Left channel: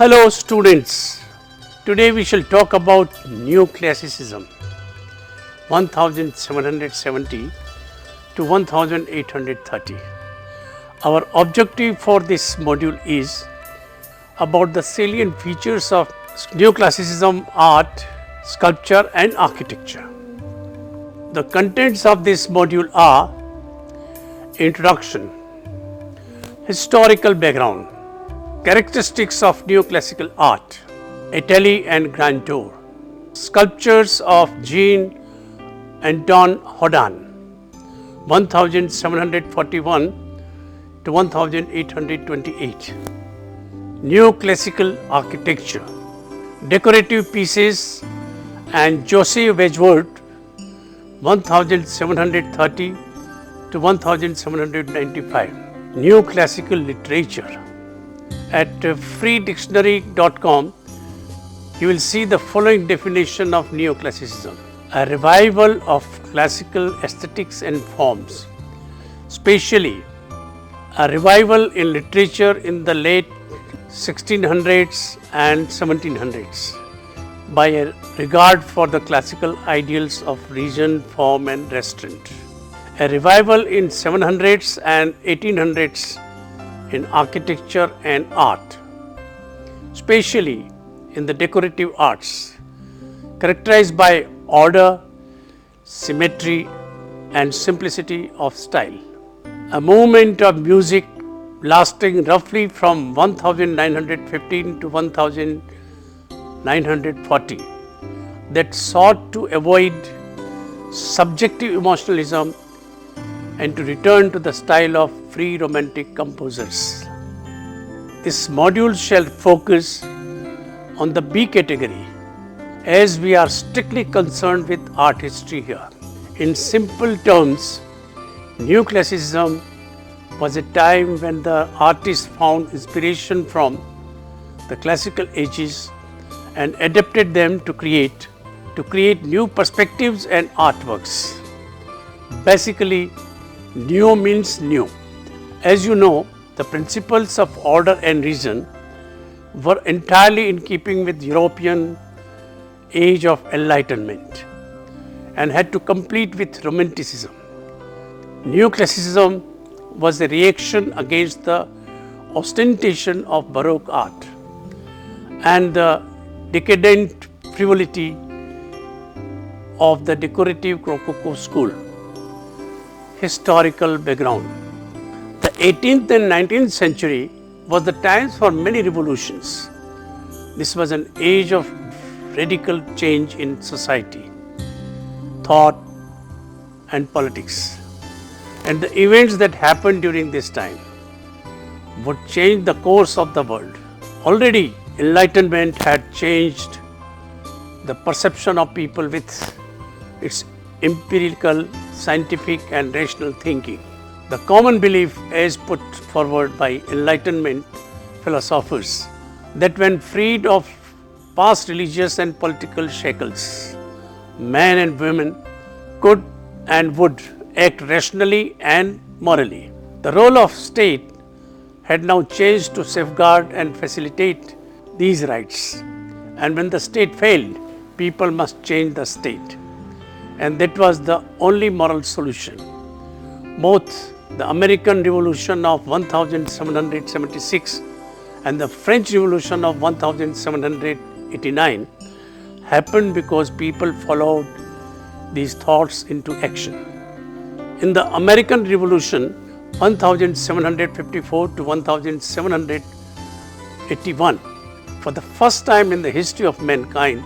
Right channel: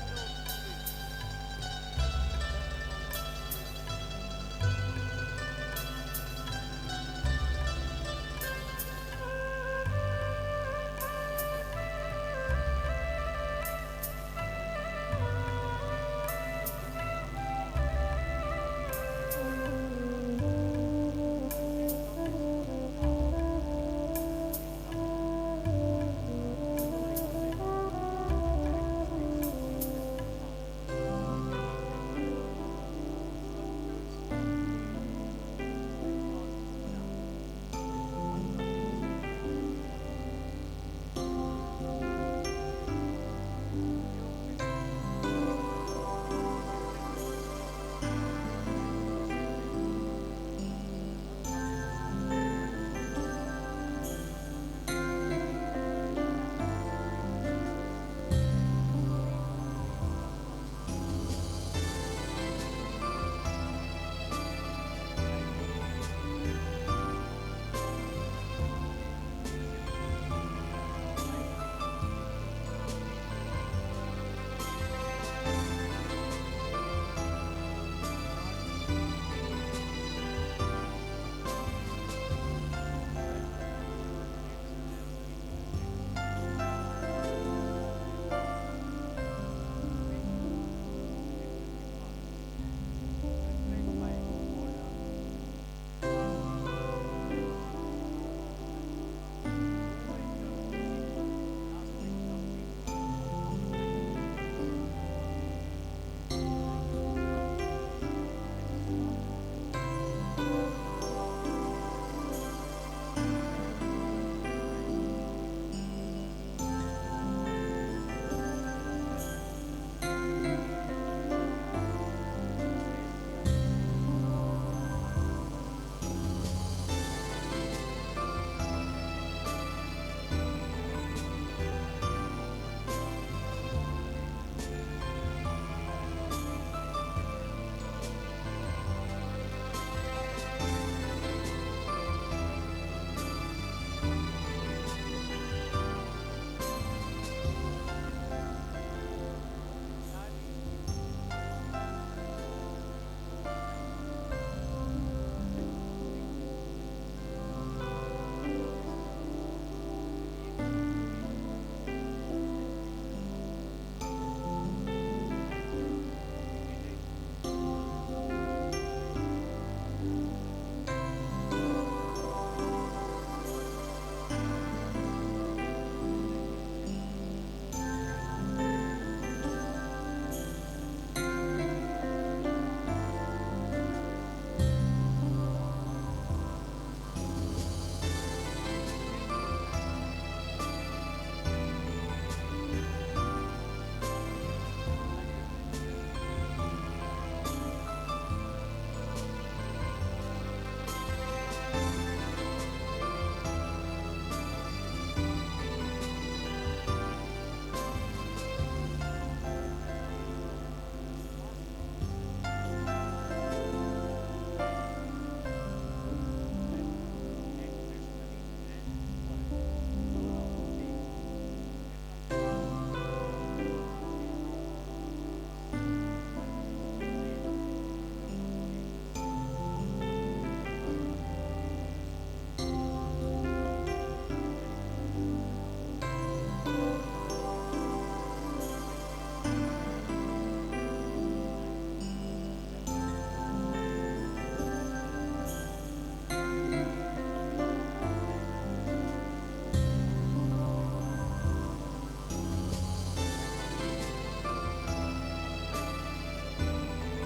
Hello students, today we shall talk about Neoclassicism 1770 to 1830. Our objective for this module is about the salient features of Neoclassicism art, sculpture and architecture. The contents of this module are Introduction, Historical background, Characteristics of Neoclassical art, Italy and grandeur, Sculptures of Jean Antoine Houdin 1741 to 1828, Neoclassical architecture, Decorative pieces and Joseph Wedgwood 1730 to 1795, Neoclassical literature. At freedictionary.com, you will see the following definition of Neoclassicism: a revival of classical aesthetics and forms, especially a revival in literature in the late 1600s and 1700s by a regard for the classical ideals of region, form and restraint. A revival in 700s and 1800s in architecture and art, especially in the decorative arts, characterized by order, symmetry and simplicity of style. A movement of music lasting roughly from 1915 to 1940 that sought to avoid subjective emotionalism and to return to the style of free romantic composers. This module shall focus on the B category, as we are strictly concerned with art history here. In simple terms, Neoclassicism was a time when the artists found inspiration from the classical ages and adapted them to create new perspectives and artworks. Basically, Neo means new. As you know, the principles of order and reason were entirely in keeping with European age of enlightenment and had to compete with Romanticism. Neoclassicism was a reaction against the ostentation of Baroque art and the decadent frivolity of the decorative Rococo school. Historical background. The 18th and 19th century was the times for many revolutions. This was an age of radical change in society, thought and politics. And the events that happened during this time would change the course of the world. Already, enlightenment had changed the perception of people with its empirical, scientific and rational thinking. The common belief as put forward by Enlightenment philosophers that when freed of past religious and political shackles, men and women could and would act rationally and morally. The role of state had now changed to safeguard and facilitate these rights. And when the state failed, people must change the state. And that was the only moral solution. Both the American Revolution of 1776 and the French Revolution of 1789 happened because people followed these thoughts into action. In the American Revolution 1754 to 1781, for the first time in the history of mankind,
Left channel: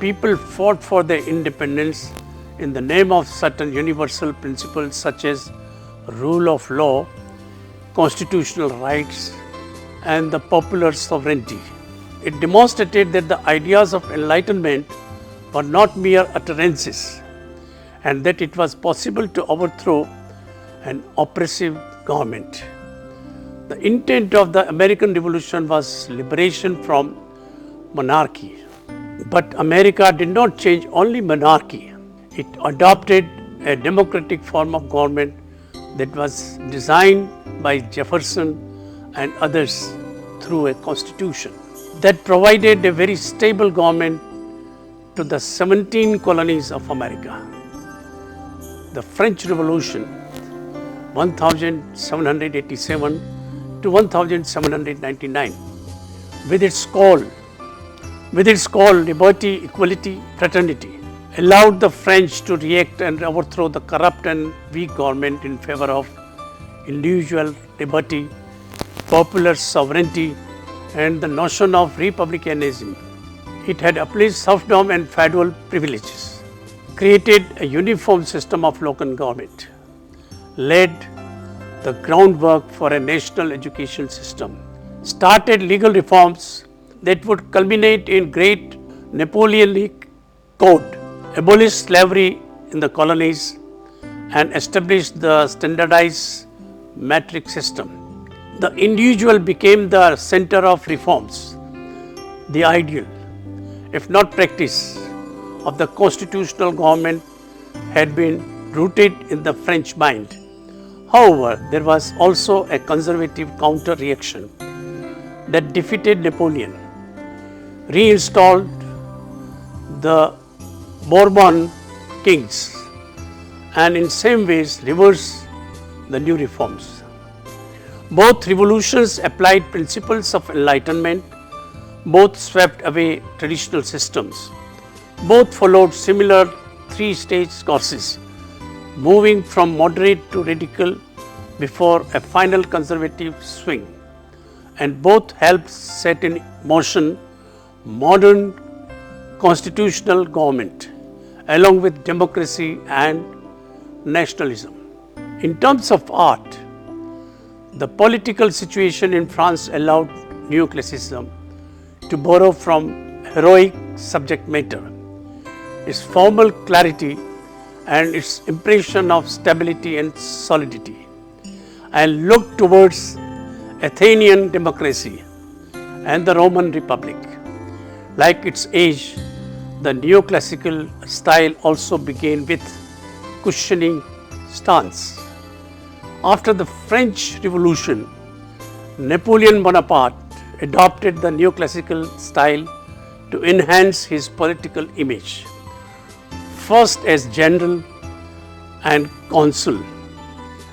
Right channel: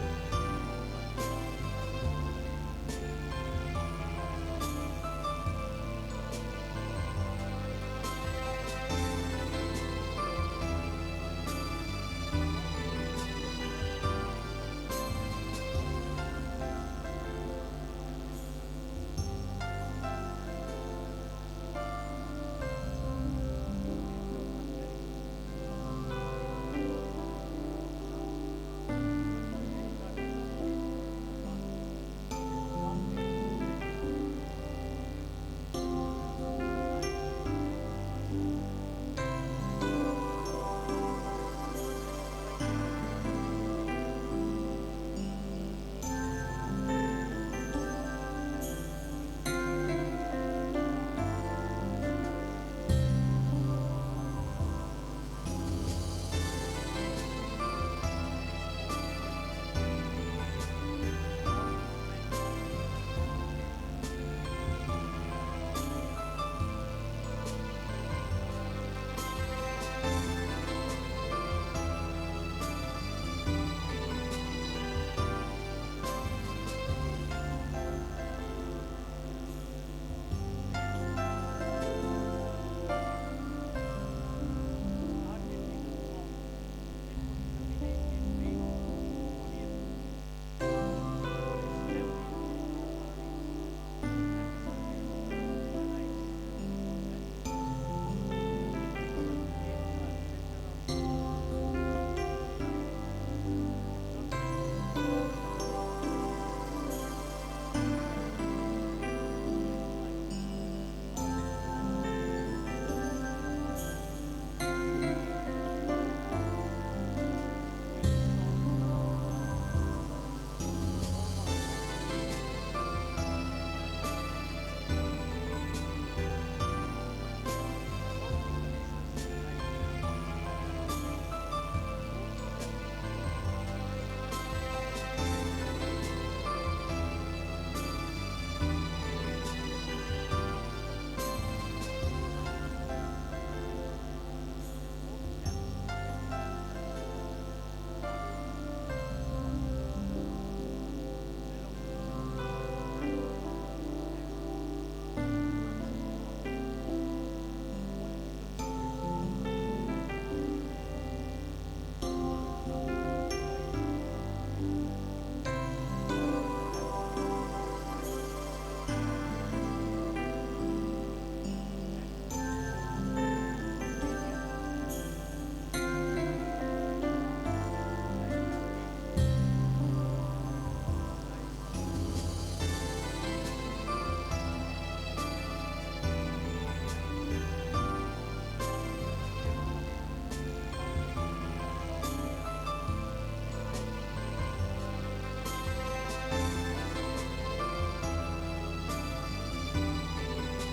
people fought for their independence in the name of certain universal principles such as rule of law, constitutional rights, and the popular sovereignty. It demonstrated that the ideas of enlightenment were not mere utterances and that it was possible to overthrow an oppressive government. The intent of the American Revolution was liberation from monarchy. But America did not change only monarchy. It adopted a democratic form of government that was designed by Jefferson and others through a constitution. that provided a very stable government to the 17 colonies of America. The French Revolution, 1787 to 1799, with its call liberty, equality, fraternity, allowed the French to react and overthrow the corrupt and weak government in favor of individual liberty, popular sovereignty, and the notion of republicanism. It had abolished serfdom and feudal privileges, created a uniform system of local government, laid the groundwork for a national education system, started legal reforms that would culminate in great Napoleonic Code, abolished slavery in the colonies, and established the standardized metric system. The individual became the center of reforms. The ideal, if not practice, of the constitutional government had been rooted in the French mind. However, there was also a conservative counter-reaction that defeated Napoleon, reinstalled the Bourbon kings, and in same ways reversed the new reforms. Both revolutions applied principles of enlightenment, both swept away traditional systems, both followed similar three-stage courses, moving from moderate to radical before a final conservative swing, and both helped set in motion modern constitutional government along with democracy and nationalism. In terms of art, the political situation in France allowed neoclassicism to borrow from heroic subject matter, its formal clarity and its impression of stability and solidity, and look towards Athenian democracy and the Roman Republic. Like its age, the neoclassical style also began with cushioning stance. After the French Revolution, Napoleon Bonaparte adopted the neoclassical style to enhance his political image, first as general and consul,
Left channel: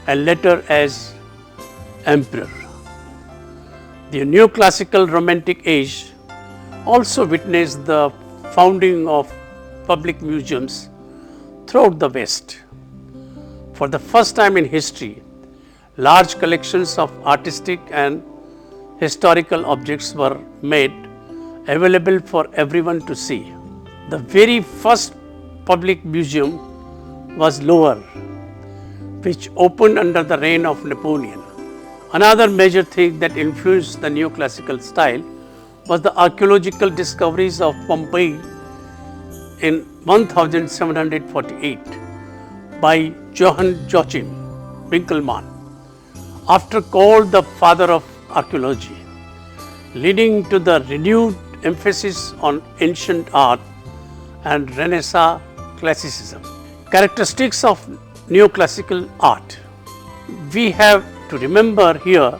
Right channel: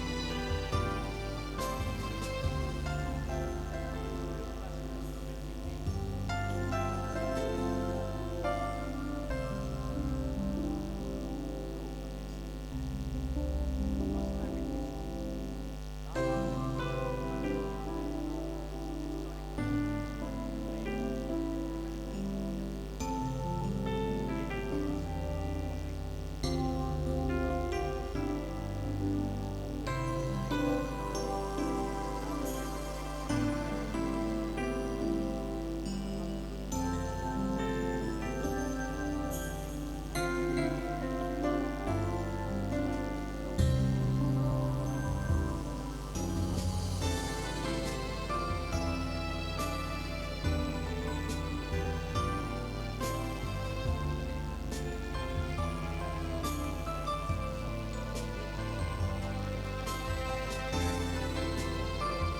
and later as emperor. The neoclassical Romantic age also witnessed the founding of public museums throughout the West. For the first time in history, large collections of artistic and historical objects were made available for everyone to see. The very first public museum was Louvre, which opened under the reign of Napoleon. Another major thing that influenced the neoclassical style was the archaeological discoveries of Pompeii in 1748 by Johann Joachim Winckelmann, after called the father of archaeology, leading to the renewed emphasis on ancient art and Renaissance classicism. Characteristics of neoclassical art. We have to remember here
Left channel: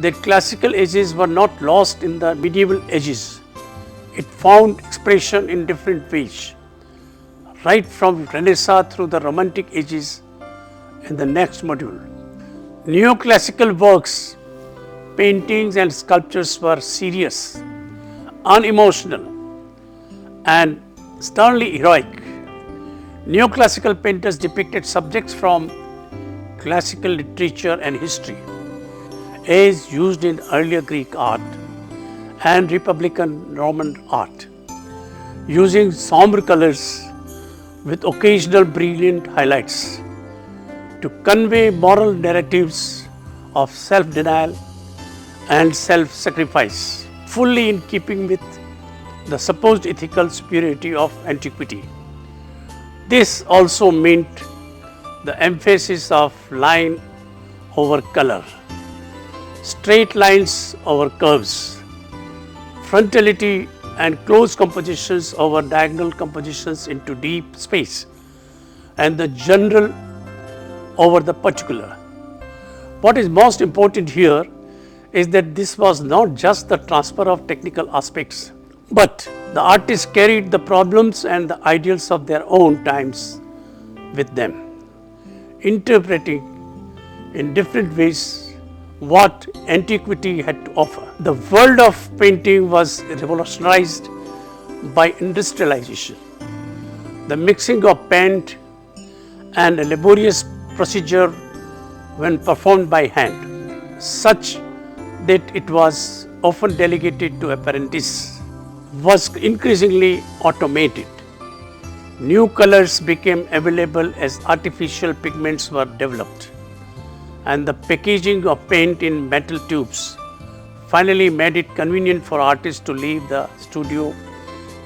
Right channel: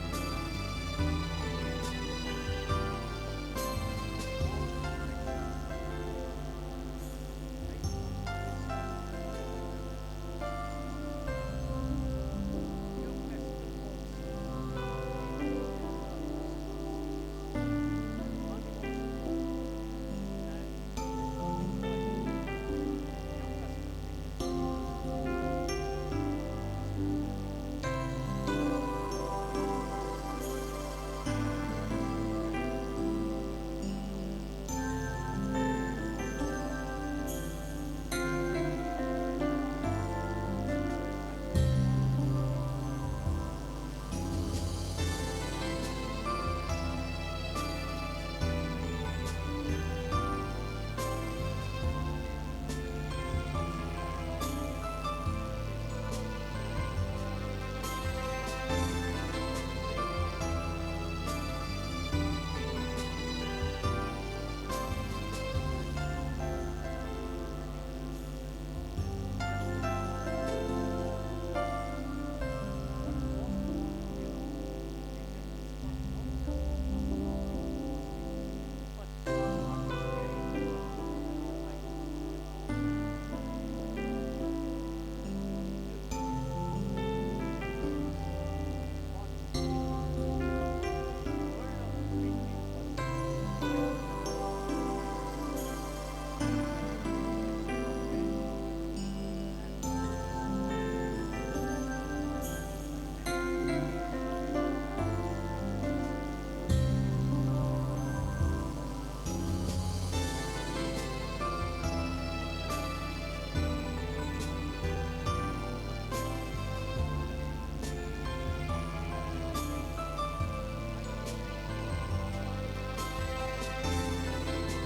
that classical ages were not lost in the medieval ages. It found expression in different ways, right from Renaissance through the Romantic ages in the next module. Neoclassical works, paintings and sculptures were serious, unemotional, and sternly heroic. Neoclassical painters depicted subjects from classical literature and history, as used in earlier Greek art and Republican Roman art, using somber colors with occasional brilliant highlights to convey moral narratives of self-denial and self-sacrifice, fully in keeping with the supposed ethical purity of antiquity. This also meant the emphasis of line over color, straight lines over curves, frontality and close compositions over diagonal compositions into deep space, and the general over the particular. What is most important here is that this was not just the transfer of technical aspects, but the artists carried the problems and the ideals of their own times with them, interpreting in different ways what antiquity had to offer. The world of painting was revolutionized by industrialization. The mixing of paint and a laborious procedure when performed by hand, such that it was often delegated to apprentices, was increasingly automated. New colors became available as artificial pigments were developed, and the packaging of paint in metal tubes finally made it convenient for artists to leave the studio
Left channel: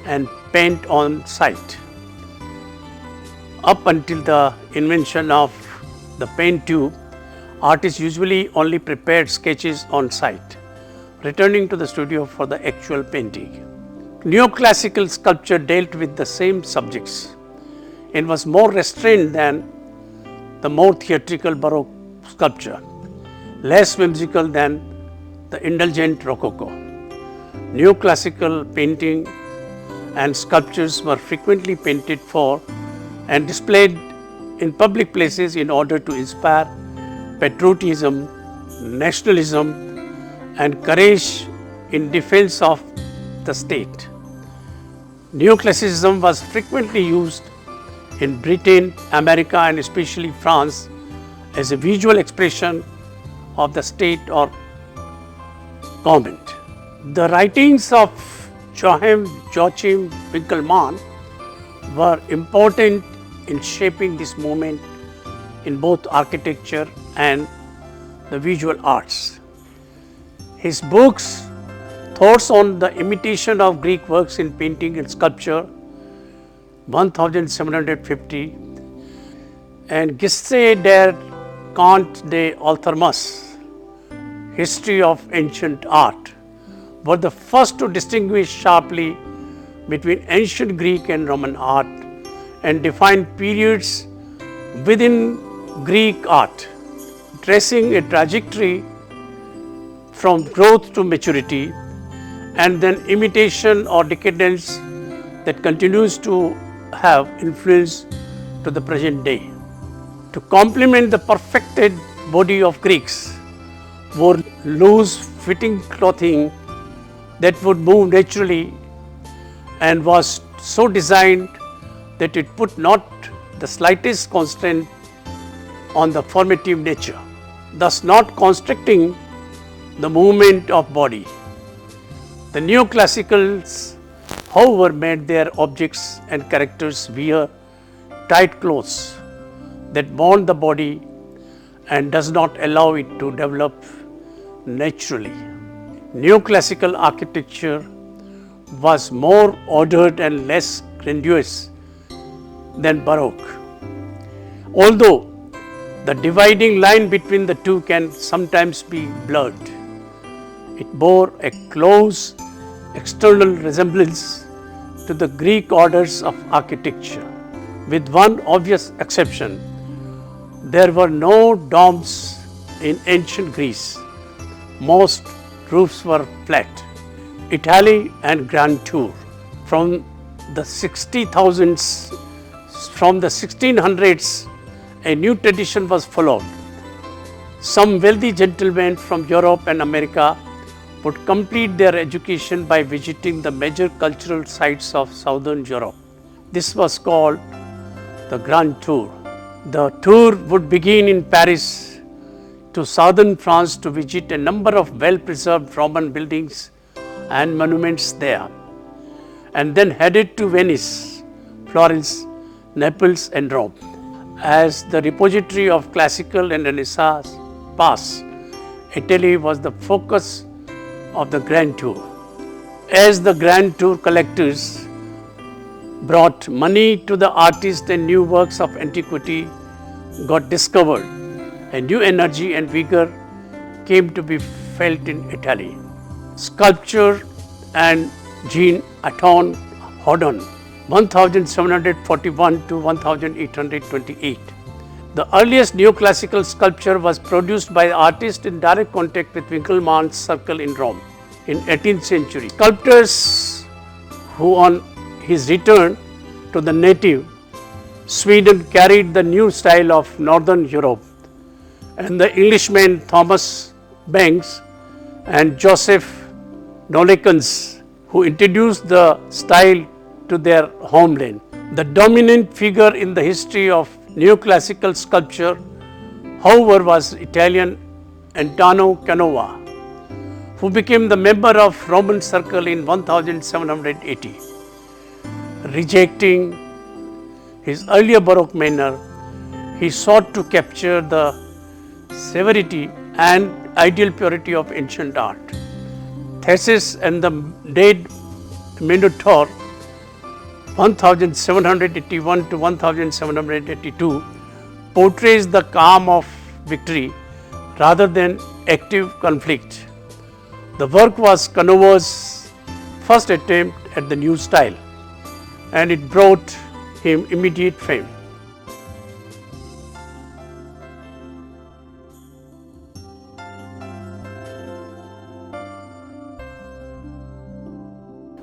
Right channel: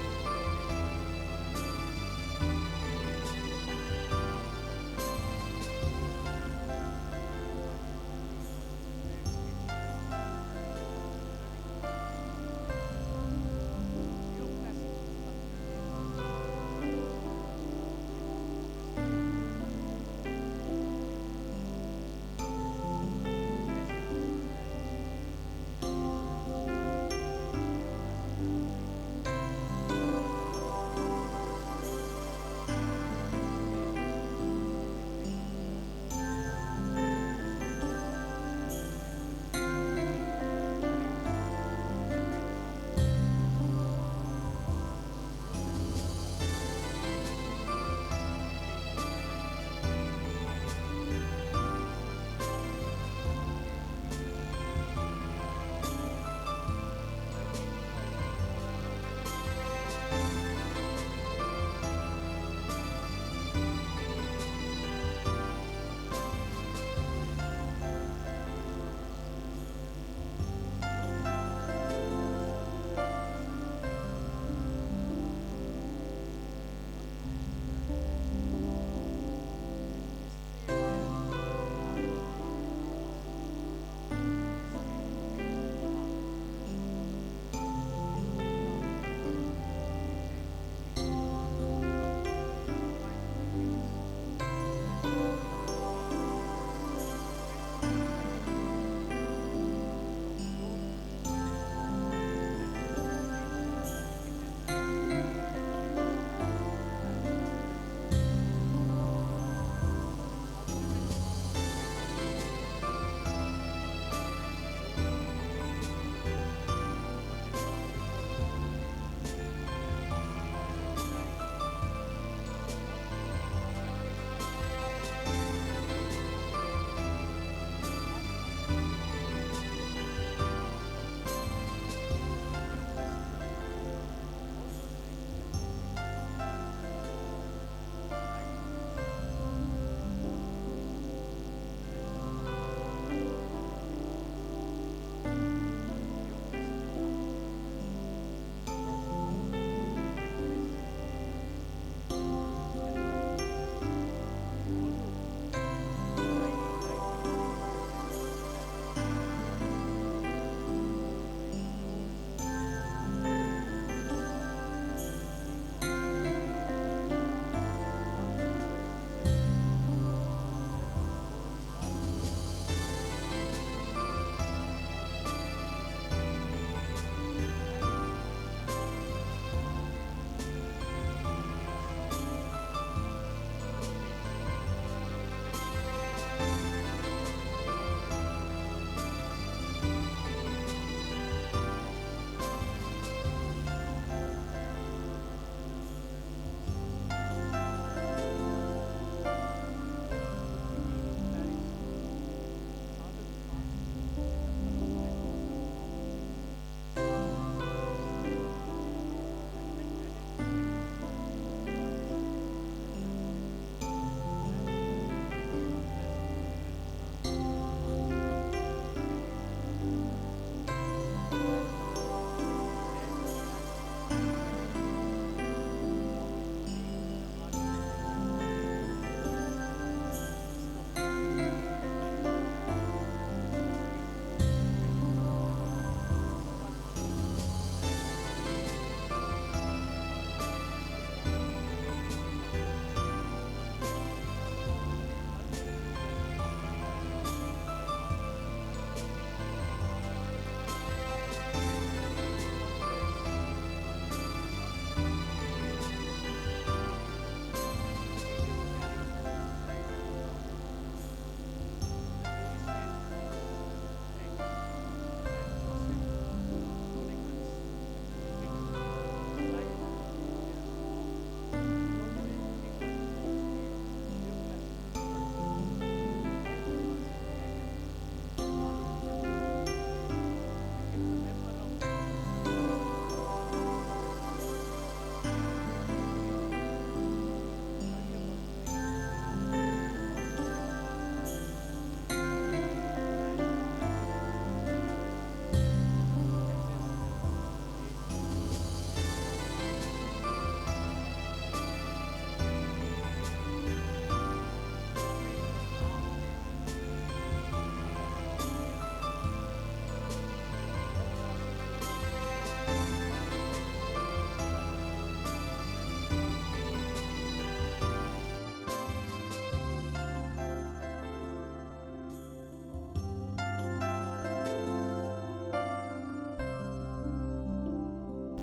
and paint on site. Up until the invention of the paint tube, artists usually only prepared sketches on site, returning to the studio for the actual painting. Neoclassical sculpture dealt with the same subjects and was more restrained than the more theatrical Baroque sculpture, less whimsical than the indulgent Rococo. Neoclassical painting and sculptures were frequently painted for and displayed in public places in order to inspire patriotism, nationalism, and courage in defense of the state. Neoclassicism was frequently used in Britain, America, and especially France as a visual expression of the state or government. The writings of Joachim Winckelmann were important in shaping this movement in both architecture and the visual arts. His books, Thoughts on the Imitation of Greek Works in Painting and Sculpture, 1750, and Geste der Kunst des Althermus, History of Ancient Art, were the first to distinguish sharply between ancient Greek and Roman art and define periods within Greek art, tracing a trajectory from growth to maturity and then imitation or decadence that continues to have influence to the present day. To complement the perfected body of Greeks, wore loose fitting clothing that would move naturally and was so designed that it put not the slightest constraint on the formative nature, thus not constricting the movement of body. The neoclassicals, however, made their objects and characters wear tight clothes that bond the body and does not allow it to develop naturally. Neoclassical architecture was more ordered and less grandiose than Baroque. Although the dividing line between the two can sometimes be blurred, it bore a close external resemblance to the Greek orders of architecture, with one obvious exception. There were no domes in ancient Greece. Most roofs were flat. Italy and Grand Tour. From the 1600s, a new tradition was followed. Some wealthy gentlemen from Europe and America would complete their education by visiting the major cultural sites of Southern Europe. This was called the Grand Tour. The tour would begin in Paris to southern France to visit a number of well-preserved Roman buildings and monuments there, and then headed to Venice, Florence, Naples, and Rome. As the repository of classical and Renaissance past, Italy was the focus of the Grand Tour. As the Grand Tour collectors brought money to the artists and new works of antiquity got discovered, a new energy and vigor came to be felt in Italy. Sculpture and Jean Anton Houdon, 1741 to 1828, The earliest neoclassical sculpture was produced by the artist in direct contact with Winckelmann's circle in Rome in 18th century. Sculptors who on his return to the native Sweden carried the new style of Northern Europe, and the Englishmen Thomas Banks and Joseph Nollekens who introduced the style to their homeland. The dominant figure in the history of neoclassical sculpture, however, was Italian Antonio Canova, who became the member of Roman circle in 1780. Rejecting his earlier Baroque manner, he sought to capture the severity and ideal purity of ancient art. Theseus and the Dead Minotaur 1781 to 1782 portrays the calm of victory rather than active conflict. The work was Canova's first attempt at the new style, and it brought him immediate fame.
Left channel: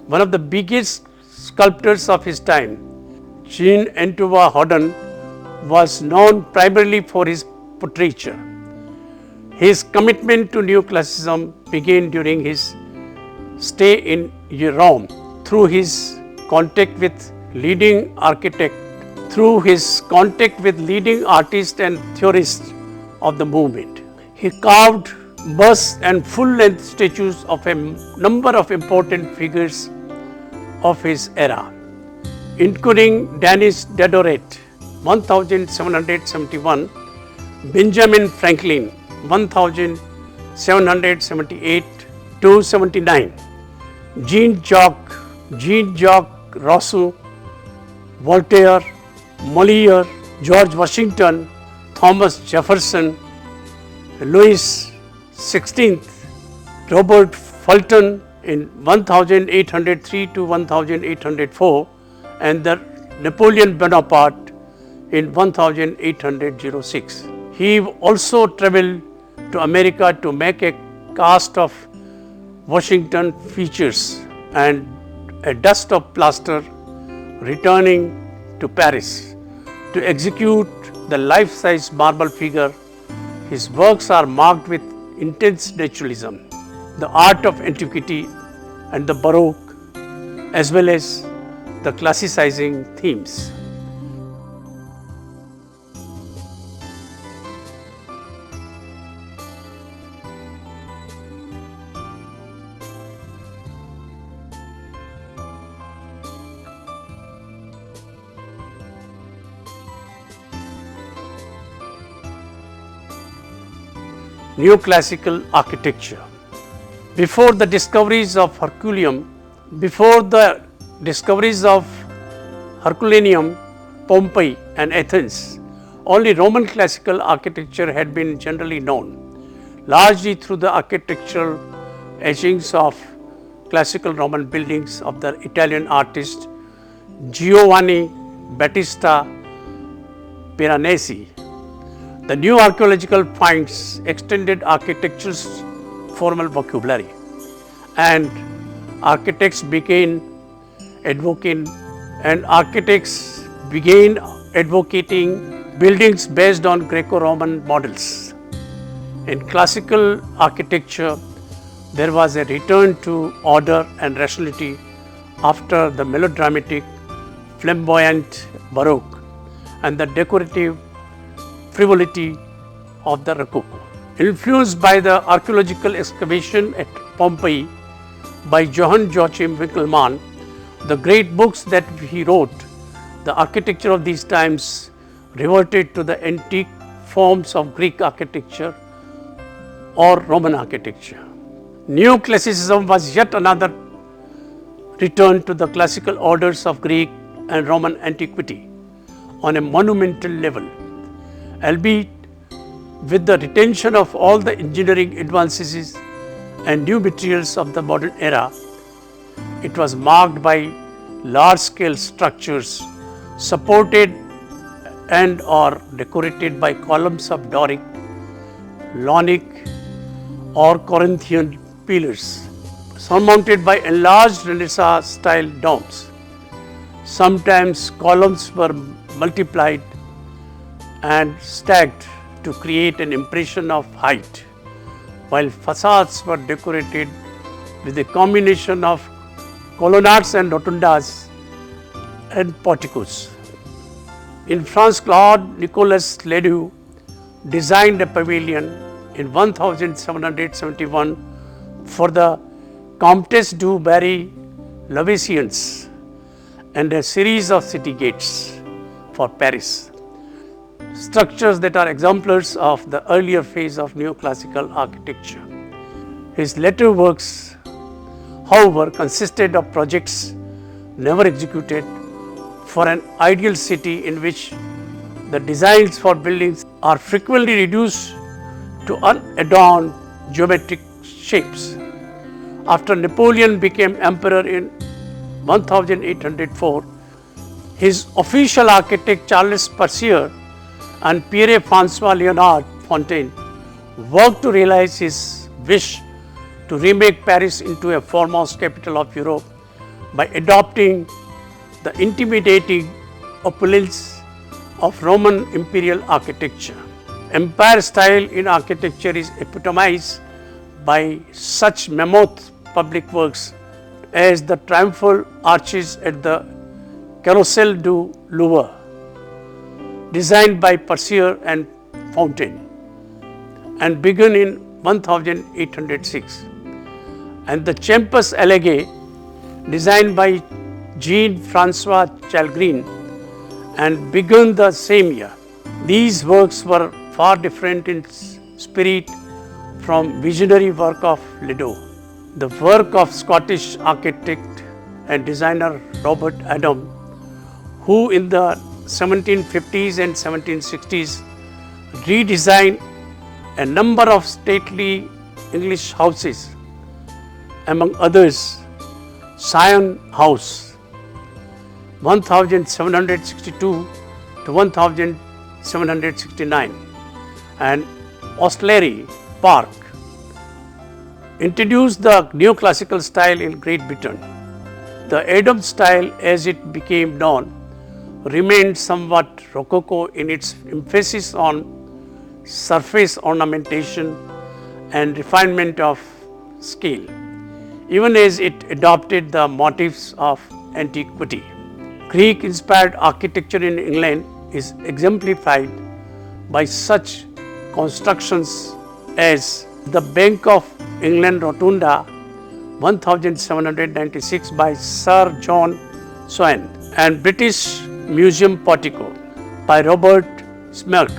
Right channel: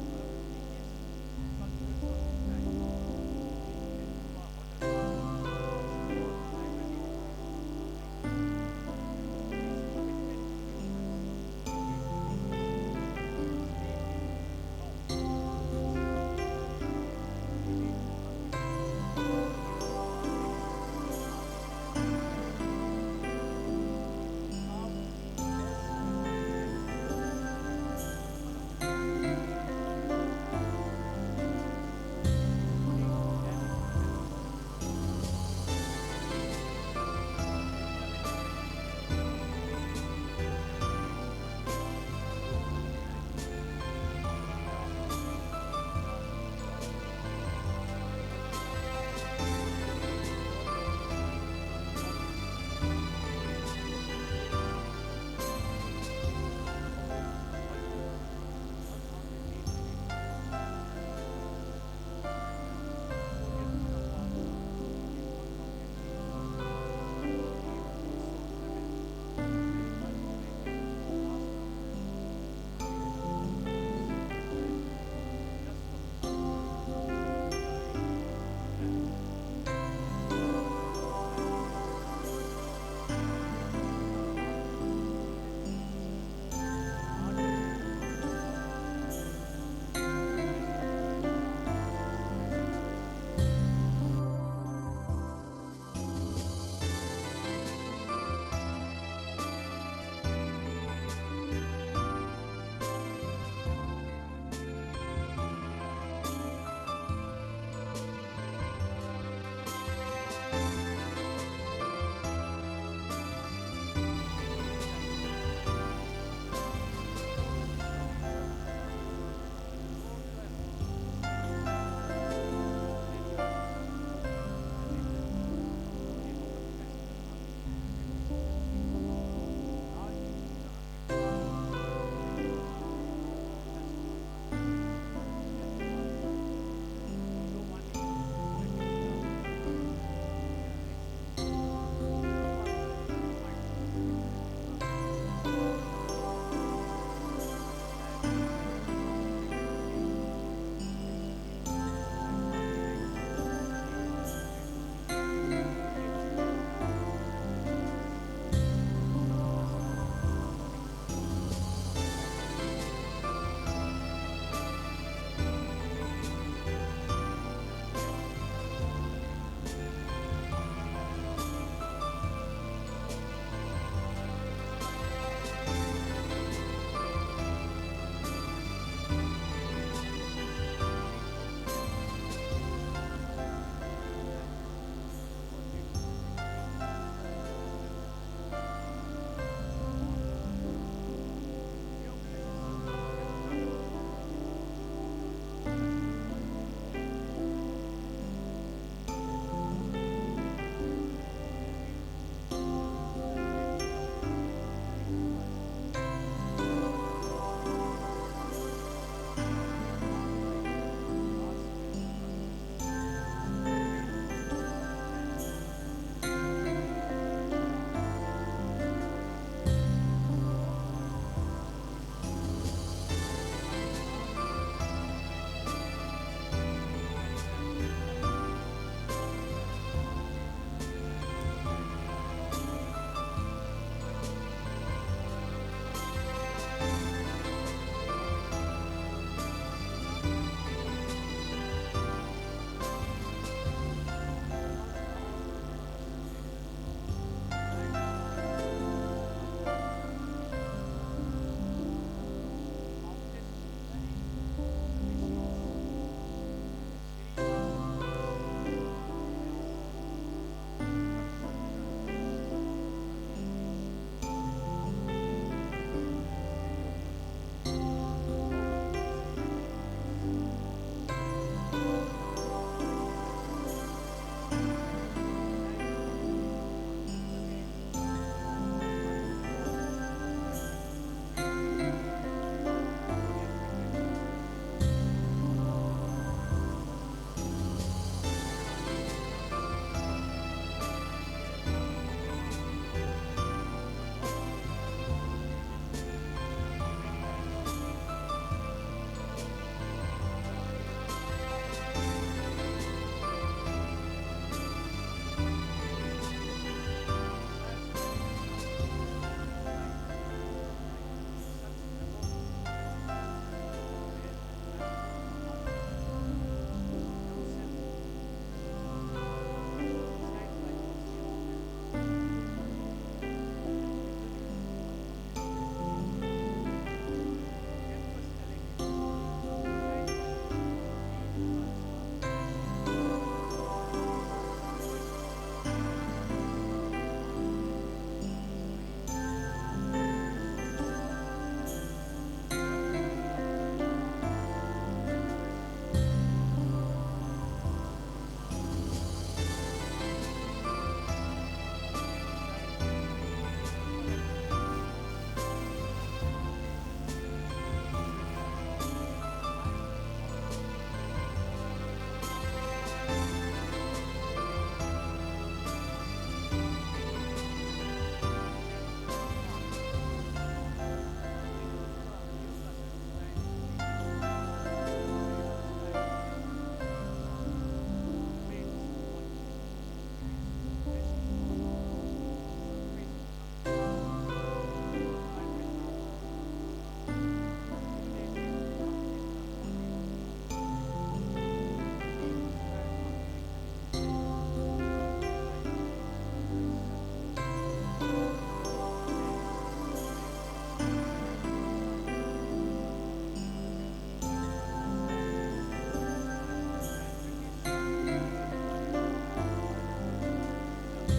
One of the biggest sculptors of his time, Jean-Antoine Houdon, was known primarily for his portraiture. His commitment to neoclassicism began during his stay in Rome through his contact with leading architects, artists and theorists of the movement. He carved busts and full-length statues of a number of important figures of his era, including Denis Diderot 1771, Benjamin Franklin 1778 to 79, Jean-Jacques Rousseau, Voltaire, Molière, George Washington, Thomas Jefferson, Louis XVI, Robert Fulton in 1803 to 1804, and the Napoleon Bonaparte in 1806. He also traveled to America to make a cast of Washington features and a dust of plaster, returning to Paris to execute the life-size marble figure. His works are marked with intense naturalism, the art of antiquity and the Baroque, as well as the classicizing themes. Neoclassical architecture. Before the discoveries of Herculaneum, Pompeii and Athens, only Roman classical architecture had been generally known, largely through the architectural etchings of classical Roman buildings of the Italian artist Giovanni Battista Piranesi. The new archaeological finds extended architecture's formal vocabulary, and architects began advocating buildings based on Greco-Roman models. In classical architecture, there was a return to order and rationality after the melodramatic, flamboyant Baroque and the decorative frivolity of the Rococo. Influenced by the archaeological excavation at Pompeii by Johann Joachim Winckelmann, the great books that he wrote, the architecture of these times reverted to the antique forms of Greek architecture or Roman architecture. Neoclassicism was yet another return to the classical orders of Greek and Roman antiquity on a monumental level, albeit with the retention of all the engineering advances and new materials of the modern era. It was marked by large-scale structures supported and or decorated by columns of Doric, Ionic or Corinthian pillars, surmounted by enlarged Renaissance-style domes. Sometimes columns were multiplied and stacked to create an impression of height, while facades were decorated with a combination of colonnades and rotundas and porticos. In France, Claude Nicolas Ledoux designed a pavilion in 1771 for the Comtesse du Barry-Lovisiens and a series of city gates for Paris, structures that are exemplars of the earlier phase of neoclassical architecture. His later works, however, consisted of projects never executed for an ideal city in which the designs for buildings are frequently reduced to unadorned geometric shapes. After Napoleon became emperor in 1804, his official architect Charles Percier and Pierre-François Léonard Fontaine worked to realize his wish to remake Paris into a foremost capital of Europe by adopting the intimidating opulence of Roman imperial architecture. Empire style in architecture is epitomized by such mammoth public works as the triumphal arches at the Carrousel du Louvre, designed by Percier and Fontaine, and begun in 1806, and the Champs Élysées, designed by Jean-François Chalgrin, and begun the same year. These works were far different in spirit from visionary work of Ledoux. The work of Scottish architect and designer Robert Adam, who in the 1750s and 1760s redesigned a number of stately English houses, among others Sion House, 1762 to 1769, and Ostley Park, introduced the neoclassical style in Great Britain. The Adam style, as it became known, remained somewhat rococo in its emphasis on surface ornamentation and refinement of scale, even as it adopted the motifs of antiquity. Greek-inspired architecture in England is exemplified by such constructions as the Bank of England Rotunda, 1796 by Sir John Swain, and British Museum Portico by Robert Smirke.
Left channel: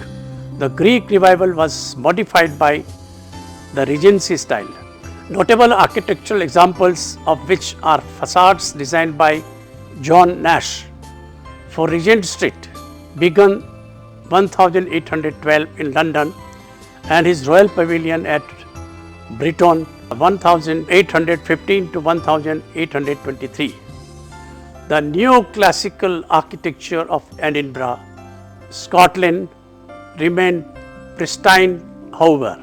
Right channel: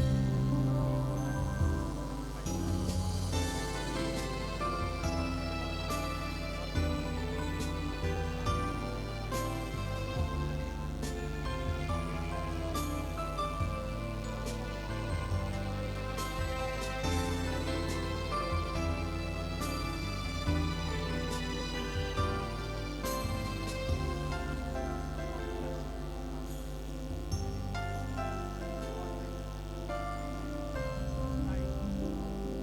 The Greek revival was modified by the Regency style. Notable architectural examples of which are facades designed by John Nash for Regent Street, begun 1812 in London, and his Royal Pavilion at Brighton, 1815 to 1823. The neoclassical architecture of Edinburgh, Scotland, remained pristine, however,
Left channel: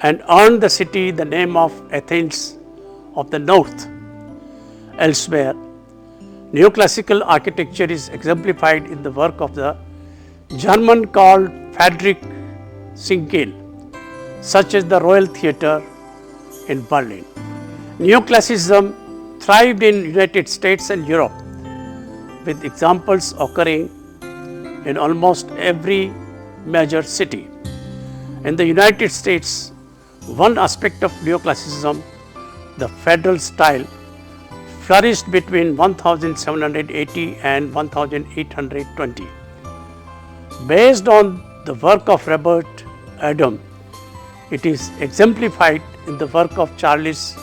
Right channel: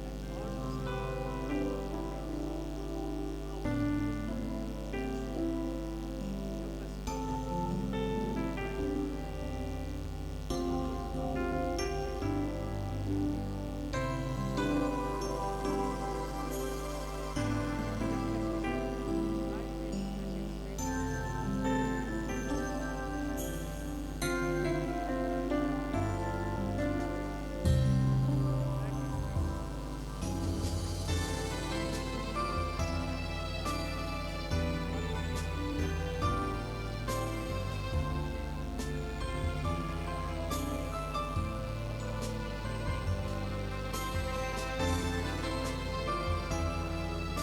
and earned the city the name of Athens of the North. Elsewhere, neoclassical architecture is exemplified in the work of the German called Friedrich Schinkel, such as the Royal Theatre in Berlin. Neoclassicism thrived in United States and Europe, with examples occurring in almost every major city. In the United States, one aspect of neoclassicism, the federal style, flourished between 1780 and 1820. Based on the work of Robert Adam, it is exemplified in the work of Charles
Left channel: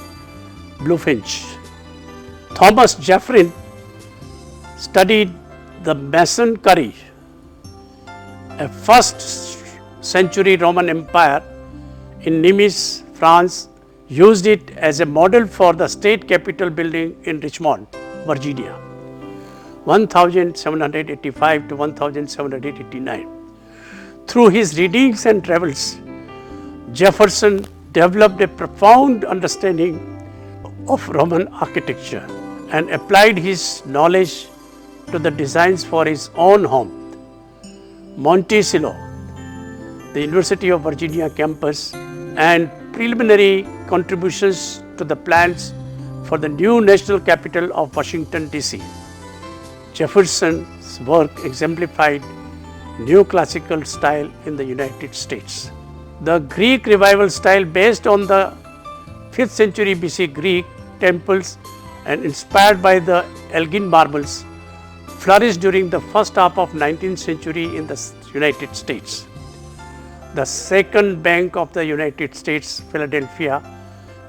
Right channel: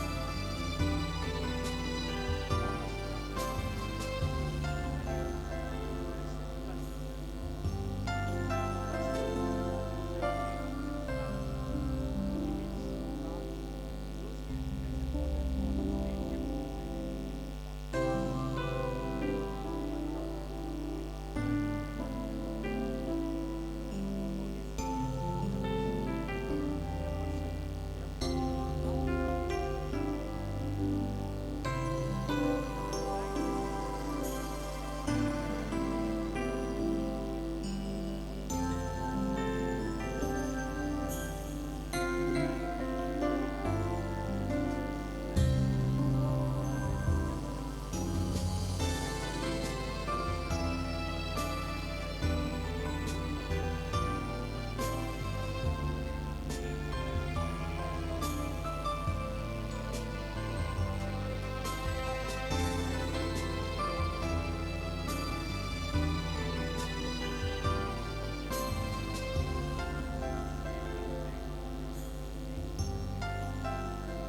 Bulfinch. Thomas Jefferson studied the Masonry, a first-century Roman Empire in Nimes, France, used it as a model for the state capitol building in Richmond, Virginia. 1785 to 1789. Through his readings and travels, Jefferson developed a profound understanding of Roman architecture and applied his knowledge to the designs for his own home. Monticello, the University of Virginia campus, and preliminary contributions to the plans for the new national capital of Washington, D.C. Jefferson's work exemplified neoclassical style in the United States. The Greek revival style, based on the 5th century BC Greek temples and inspired by the Elgin marbles, flourished during the first half of 19th century in the United States. The Second Bank of the United States, Philadelphia,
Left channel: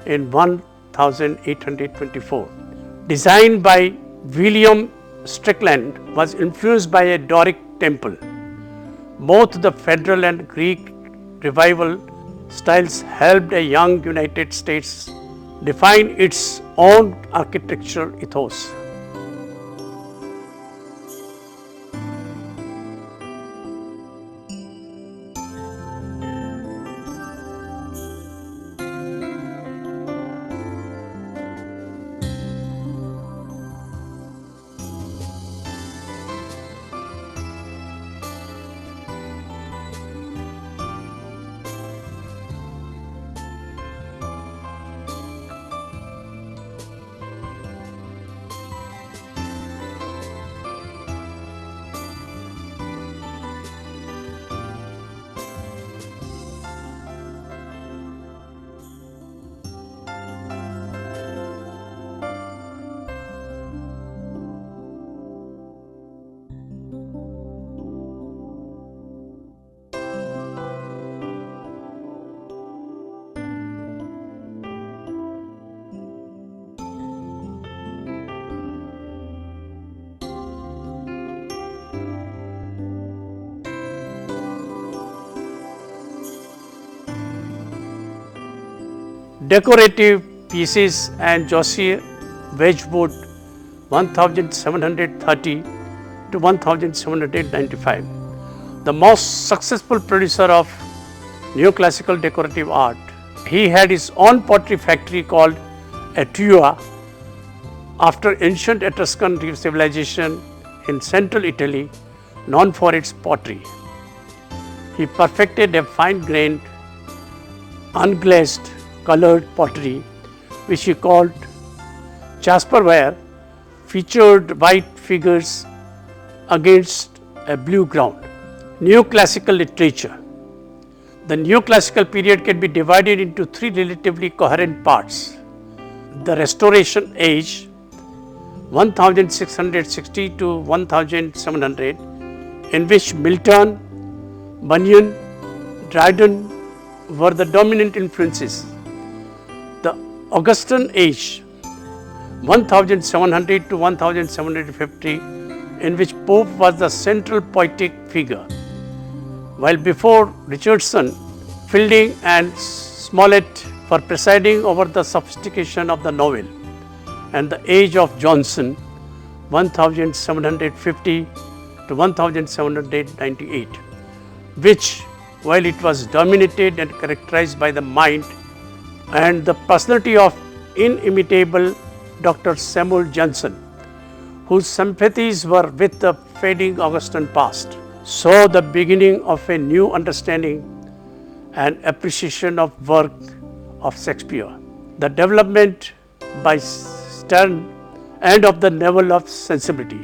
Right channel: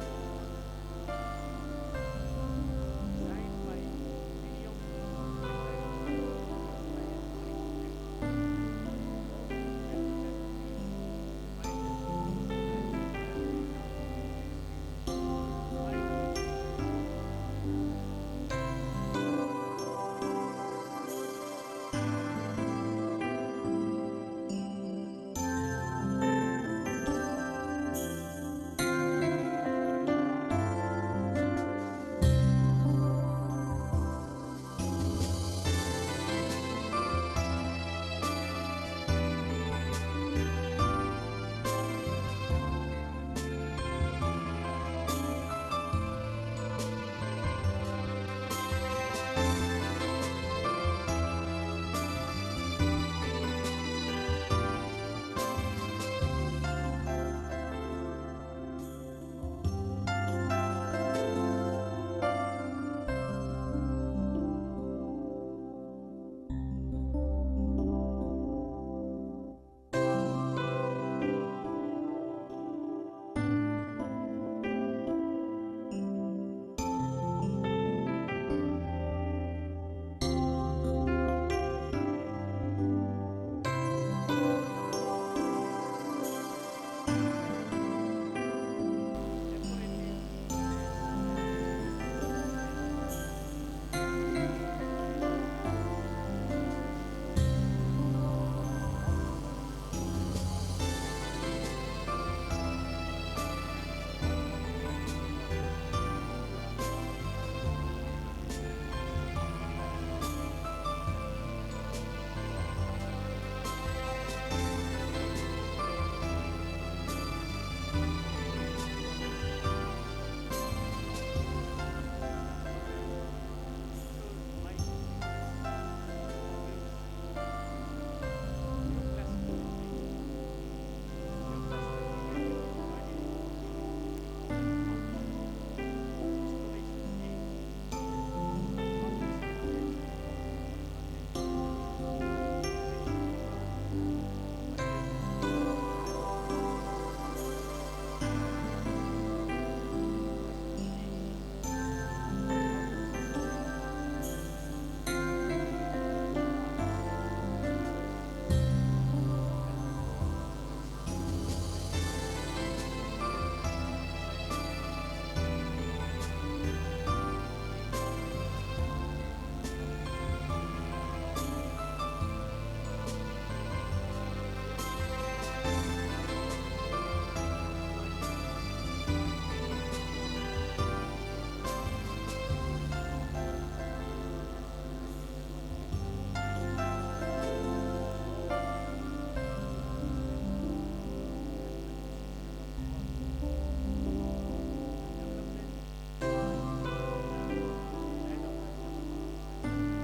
in 1824, designed by William Strickland, was influenced by a Doric temple. Both the Federal and Greek revival styles helped a young United States define its own architectural ethos. Decorative pieces and Josiah Wedgwood 1730 to 1795. The most successful producer of neoclassical decorative art. He had his own pottery factory called Atua after ancient Etruscan civilization in central Italy, known for its pottery. He perfected a fine-grained, unglazed, colored pottery, which he called jasperware, featured white figures against a blue ground. Neoclassical literature. The neoclassical period can be divided into three relatively coherent parts. The Restoration Age, 1660 to 1700, in which Milton, Bunyan, Dryden were the dominant influences. The Augustan Age, 1700 to 1750, in which Pope was the central poetic figure, while before Richardson, Fielding and Smollett were presiding over the sophistication of the novel, and the Age of Johnson, 1750 to 1798, which, while it was dominated and characterized by the mind and the personality of inimitable Dr. Samuel Johnson, whose sympathies were with the fading Augustan past, saw the beginning of a new understanding and appreciation of work of Shakespeare. The development by Sterne and of the level of sensibility.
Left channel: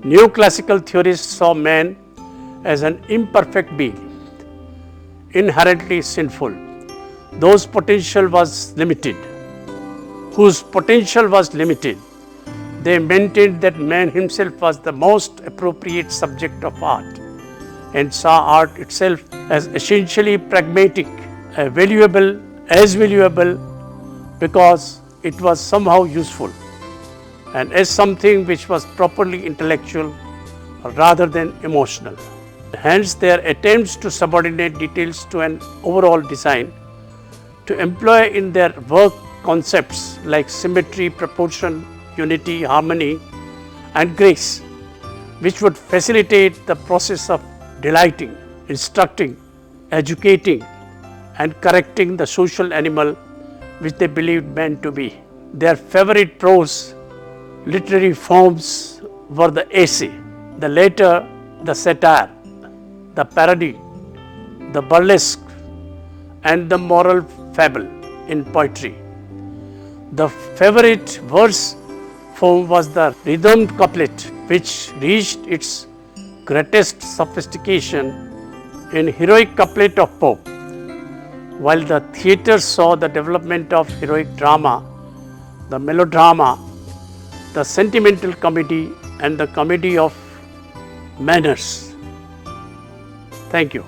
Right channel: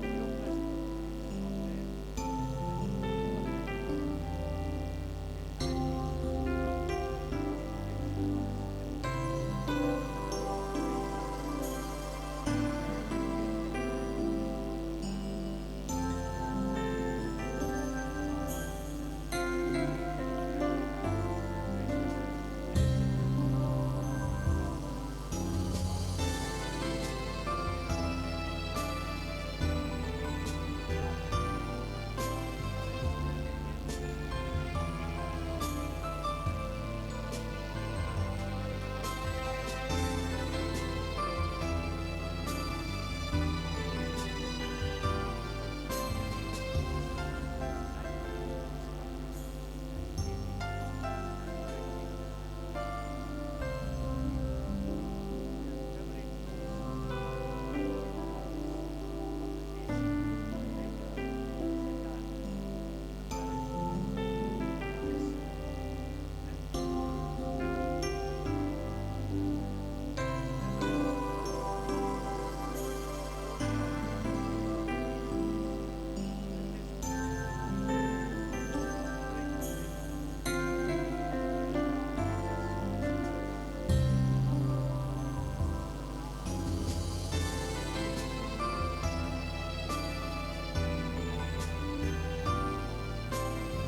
Neoclassical theorists saw man as an imperfect being, inherently sinful, whose potential was limited. They maintained that man himself was the most appropriate subject of art and saw art itself as essentially pragmatic, valuable because it was somehow useful, and as something which was properly intellectual rather than emotional. Hence, their attempts to subordinate details to an overall design, to employ in their work concepts like symmetry, proportion, unity, harmony, and grace, which would facilitate the process of delighting, instructing, educating, and correcting the social animal which they believed men to be. Their favorite prose literary forms were the essay, the later the satire, the parody, the burlesque, and the moral fable in poetry. The favorite verse form was the rhythmed couplet, which reached its greatest sophistication in heroic couplet of Pope. While the theatre saw the development of heroic drama, the melodrama, the sentimental comedy, and the comedy of manners. Thank you.